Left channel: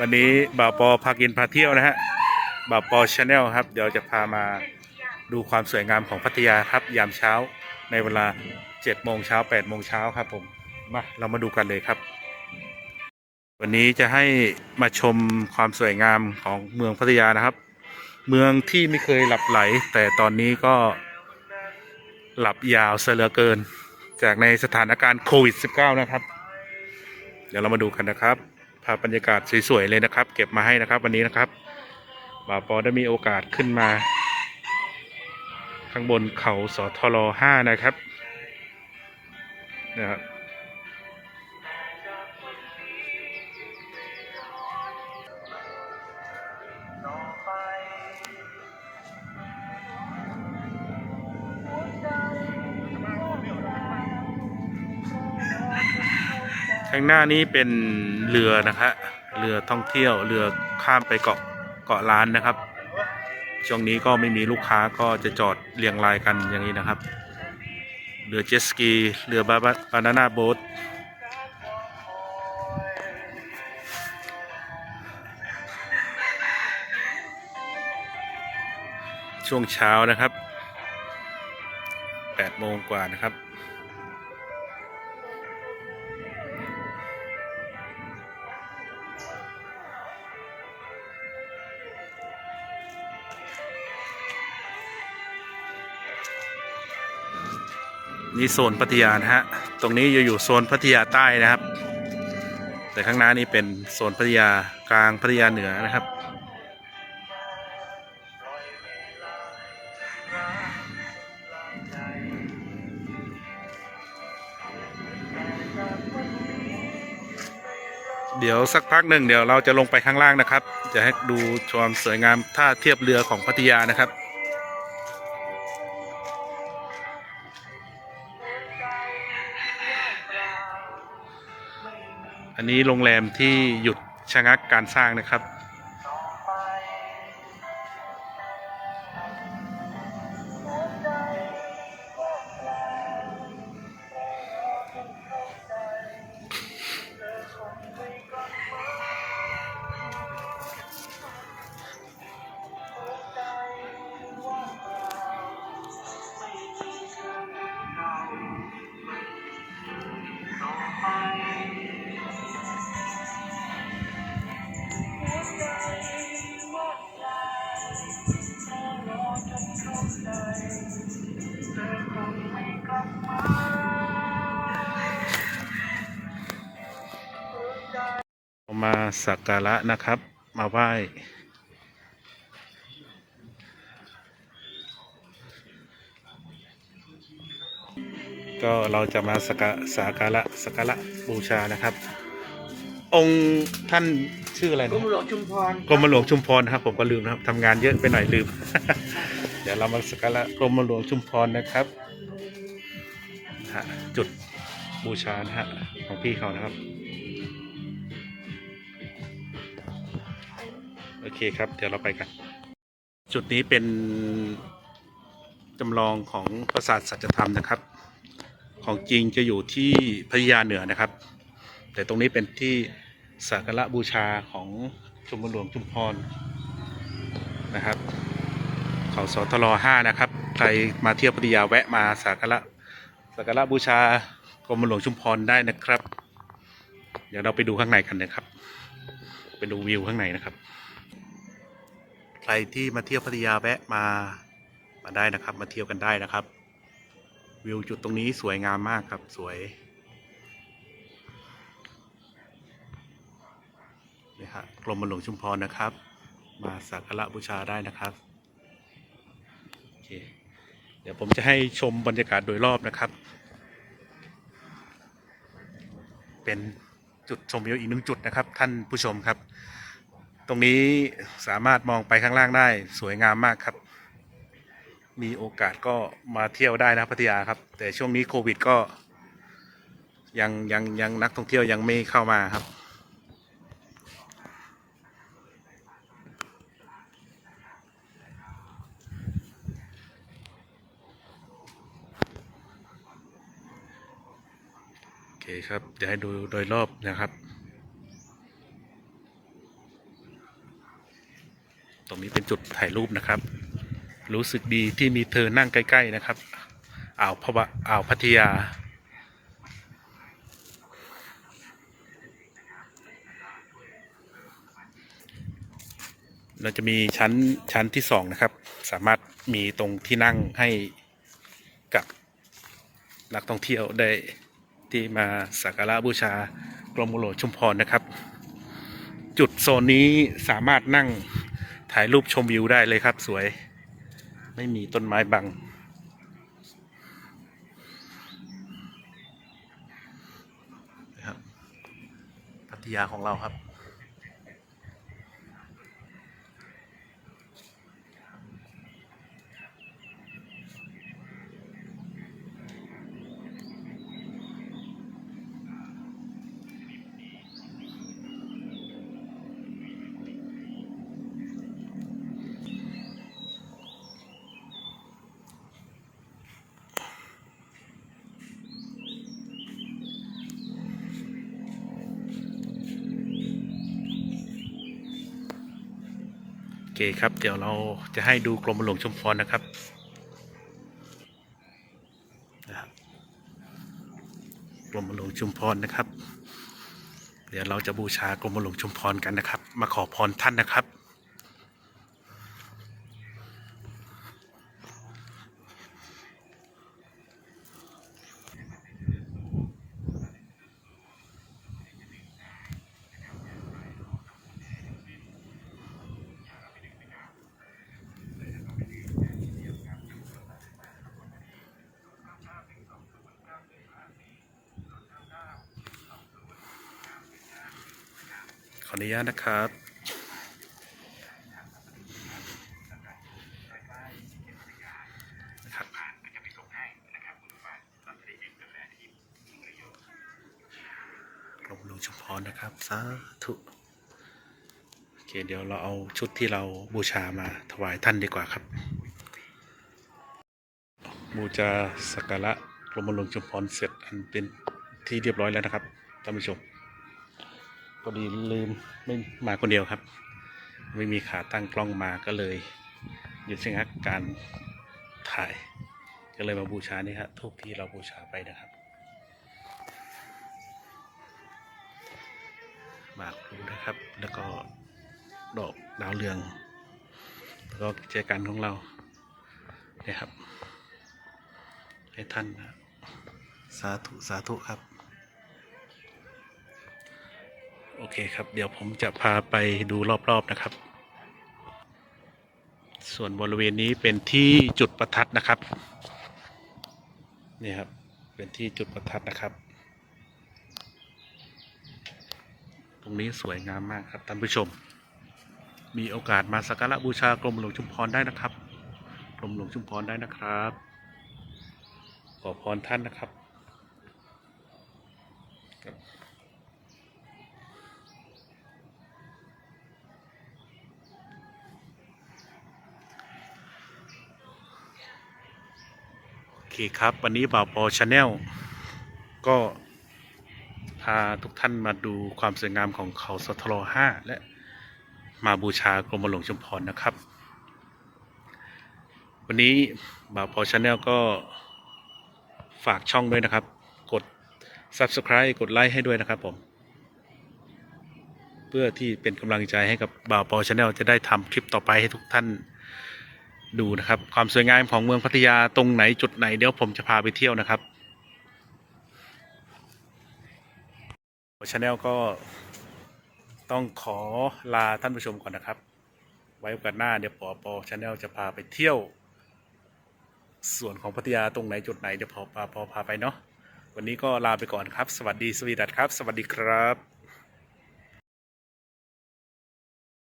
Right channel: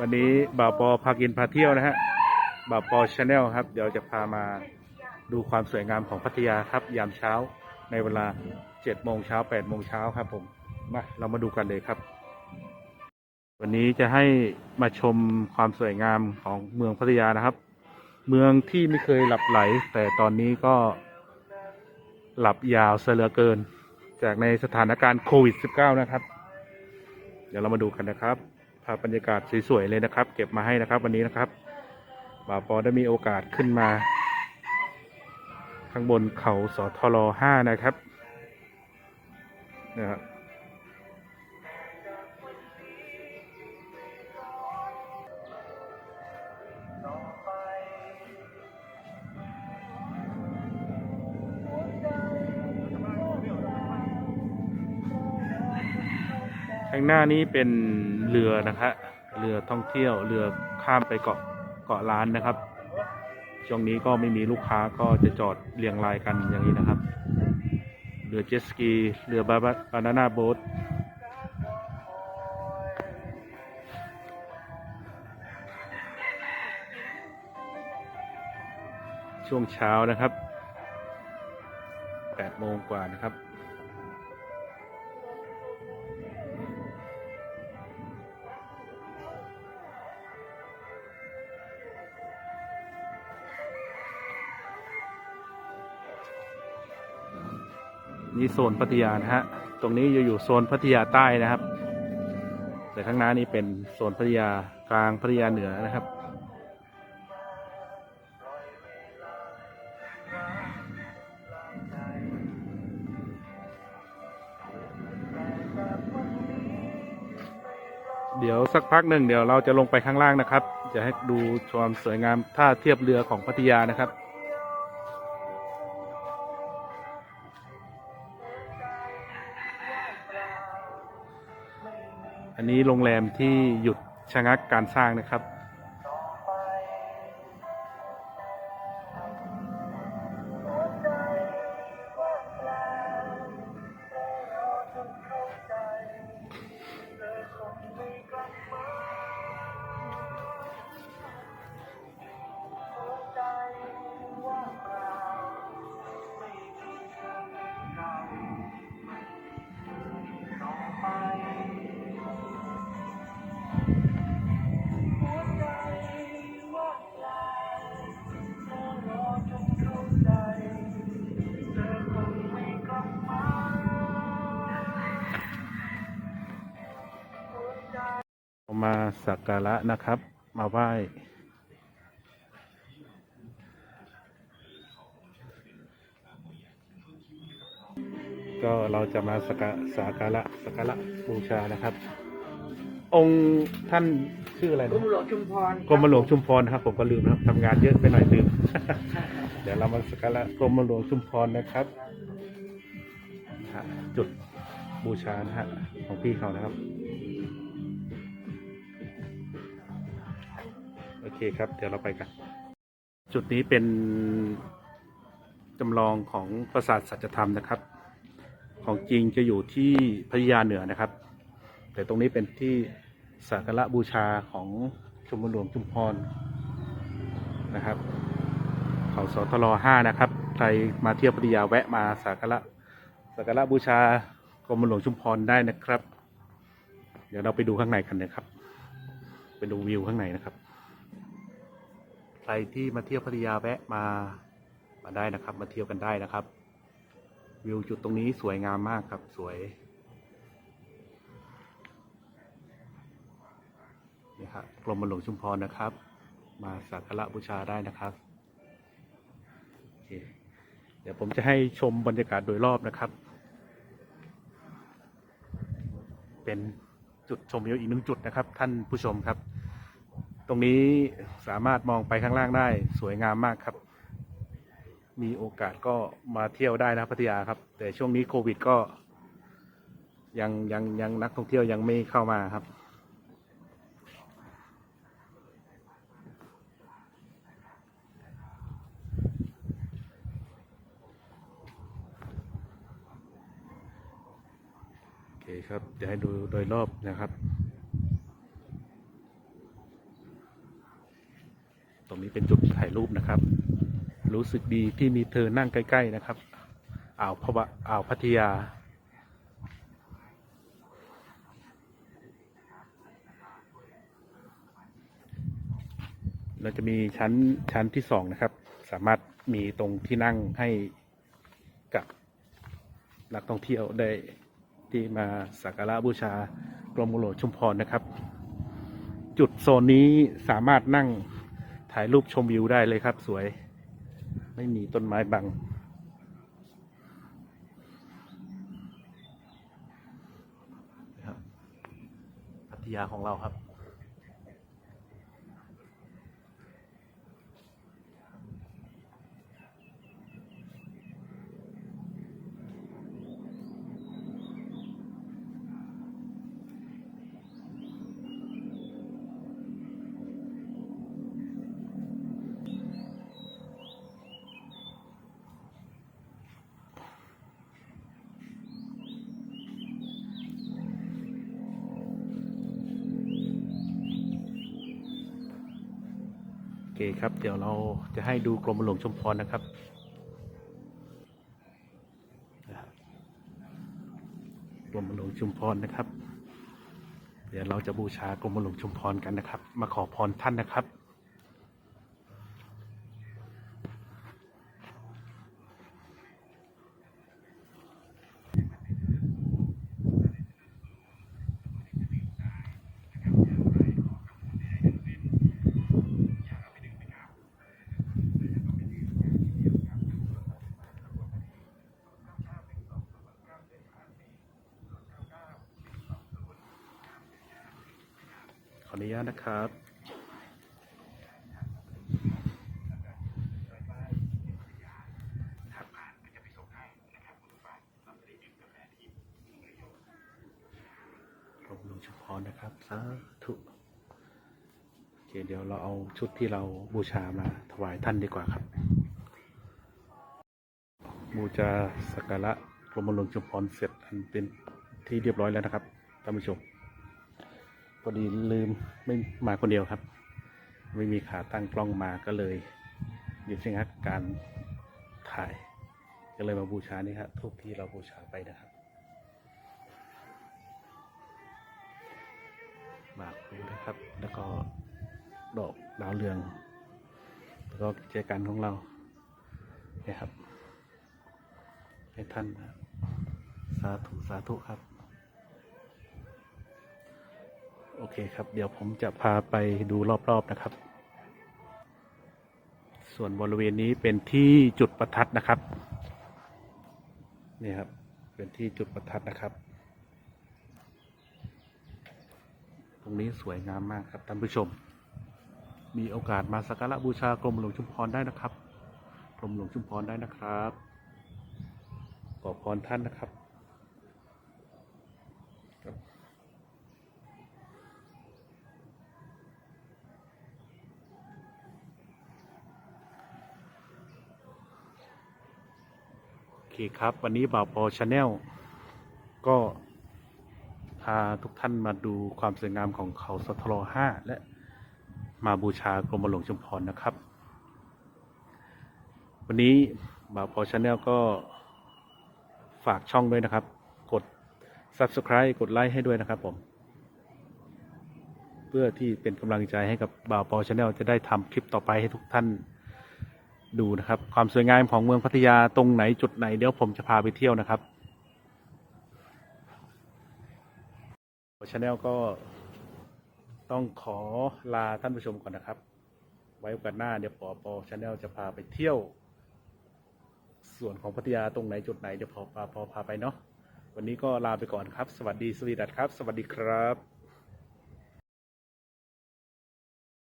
วันนี้บ่าวปอพากินพาเที่ยวนะฮะบ่าวปอชาแนลครับ เดี๋ยวจะพามาดูความสวยงามของพัทยาครับยามเช้าในเวลา7โมงเช้า8โมงเช้าครับผมมาเรามาดูกันเลยครับ วันนี้จะให้มาชมความสวยงามของเมืองพัทยานะครับ เมืองที่ไม่เคยหลับไหล แต่ตอนนี้ก็หลับยาวเสลือเกิน จากในสถานการณ์โควิด -19 นะครับ เดี๋ยวเรามาดูกันนะครับาพบรรยากาศสวยๆเลยนะครับ เก็บมาให้นะครับวันนี้นะครับบ่าวปอได้มีโอกาสขึ้นมา ข้างบนเขาสทรห้านะครับนะครับ ข้างหน้านี้เป็นเรือนะครับเรือท่องเที่ยว เรือข้ามไปเกาะเกาะล้านนะครับ ช่วงนี้ก็ไม่มีลูกค้าก็จะจอดเรียงรายกันอย่างนี้นะครับ เรือเจ็ตสกี เรือบาบานาน่าโบ๊ทช่วงเช้านะครับ8โมงกว่านะครับ นี่โซนพัทยานะฮะ ตรงนี้อยู่อยู่โซนพัทยาใต้นะครับ แต่ข้างหน้านี่เป็นโซนพัทยากลางพัทยาเหนือนะครับ เดี๋ยวสักพักหนึ่งเดี๋ยวเราจะลงไปข้างล่างนะครับ จะให้ดูความสวยงามท่าเทียบเรือของพัทยานะครับ อันนี้โรงแรมที่หยุดชะงักการสร้างนะครับ มาสักการะนะครับ มาไหว้ก็เราจะมาสักการสักการะสักการะบูชานะครับ องค์ท่านชื่ออะไรกรนะมหลวงชุมพรกรมหลวงชุมพรนะครับ ผมก็ลืมนะครับทำงานเยอะไปหน่อยลืม เดี๋ยวเรามาสักการะกรมหลวงชุมพรนะครับฮะจุดบูชานะฮะของพี่เขานะครับ อเคครับ เดี๋ยวเราไปกัน จุดนี้เป็นจำลองของปราสาทสัจธรรมนะครับ ของจริงจะอยู่ที่พัทยาเหนือนะครับ แต่ตรงนี้เป็นที่สักการะบูชาของชมรมหลวงชุมพรนะครับ เขาสทรห้านะครับ ใครมาเที่ยวพัทยาแวะมาสักการะสักการะบูชากรมหลวงชุมพรได้นะครับ เดี๋ยวเราไปดูข้างในกันนะครับ ไปดูวิวข้างในนะครับ รที่มาเที่ยวพัทยาแวะมามาได้นะครับ มาเที่ยวกันได้นะครับ วิวจุดตรงนี้สวยงามมากครับสวยนี่ฮะกรมหลวงชุมพรนะครับ มาสักการะบูชาได้นะครับโอเคเดี๋ยวผมจะให้ชมบรรยากาศโดยรอบนะครับ เป็นจุดชมวิวอีกหนึ่งจุดนะครับ ท่านผู้ชมครับ ตรงนี้สามารถมองไปข้างล่างได้สวยงามมากครับ มีโอกาสก็มาเที่ยวได้นะพัทยาครับ แต่ช่วงนี้โควิดก็ ยังยังยังนักท่องเที่ยวยังไม่เข้ามาครับ โอเคครับเดี๋ยวให้ดูโดยรอบนะครับ ตรง นี้เป็นจุดถ่ายรูปนะครับ รู้สึกดีที่มีเธอนั่งใกล้ ๆนะครับอ่าวพะวะอ่าวพัทยา เราจะมีชั้นชั้นที่สองนะครับ สามารถมีตรงที่นั่งให้กับนักท่องเที่ยวได้ที่มาสักการะบูชากรมหลวงชุมพรนะครับ จุดโซนนี้สามารถนั่ง ถ่ายรูปชมวิวได้เลยครับ สวย ไม่มีต้นไม้บังนะครับพัทยาของเราครับ เคครับ เดี๋ยวเราจะให้ดูกรมหลวงชุมพรนะครับนะครับ กรมหลวงชุมพรนะครับ เดี๋ยวเราจะบูชากรมหลวงชุมพรกันนะครับ มาขอพรท่านนะครับ ออนุญาตนะครับนะครับกรมหลวงชุมพรนะครับ สาธุ โอเค เดี๋ยวเราเอาชุดที่เราบูชามาถวายท่านดีกว่าครับ บูชาสักการะกรมหลวงชุมพรเสร็จอันเป็นที่เรียบร้อยแล้วนะครับท่านผู้ชม อดีลืมไม่มาคนเดียวครับ ไม่มีขาตั้งกล้องมาก็เลยหยุดชะงักการถ่ายก็เลยมาบูชานี่ครับทุกที่เราบูชาไปนะครับหมากพลูนะครับ แล้วก็ดอกดาวเรือง แล้วก็เจกันของเราเนี่ยครับ ให้ท่านนะสาธุ สาธุครับ เคครับ เดี๋ยวผมจะพาไปดูรอบๆนะครับ ส่วนบริเวณนี้เป็นที่จุดประทัดนะครับ นี่ครับเป็นที่จุดประทัดนะครับ ตรงนี้สวยงามมากครับท่านผู้ชม มีโอกาสมาสักการะบูชากรมหลวงชุมพรได้นะครับกรมหลวงชุมพรได้นะครับ ขอพรท่านนะครับ ครับโอเคครับ วันนี้บ่าวปอชาแนลก็พาทุกท่านมาดูความสวยงามของเขาสทรห้าและมาบูชากรมหลวงชุมพรนะครับ วันนี้บ่าวปอชาแนลก็ฝากช่องด้วยนะครับ กด Subscribe กดไลค์ให้ด้วยนะครับผม เพื่อที่เป็นกำลังใจให้กับบ่าวปอชาแนลจะได้ทำคลิปต่อไปให้ทุกท่าน ดูนะครับความสวยงามของเมืองพัทยาตรงไหนจุดไหนเดี๋ยวผมจะพาไปเที่ยวนะครับชาแนลก็ต้องขอลาท่านผู้ชมก่อนนะครับ ไว้โอกาสหน้าเดี๋ยวปอปอชาแนลจะพาไปเที่ยว ส่วนของพัทยาตรงไหนจุดไหนเดี๋ยวพอปาพอพาไปเนาะวันนี้ก็ลาไปก่อนครับ สวัสดีสวีดัตครับ สวัสดีครับ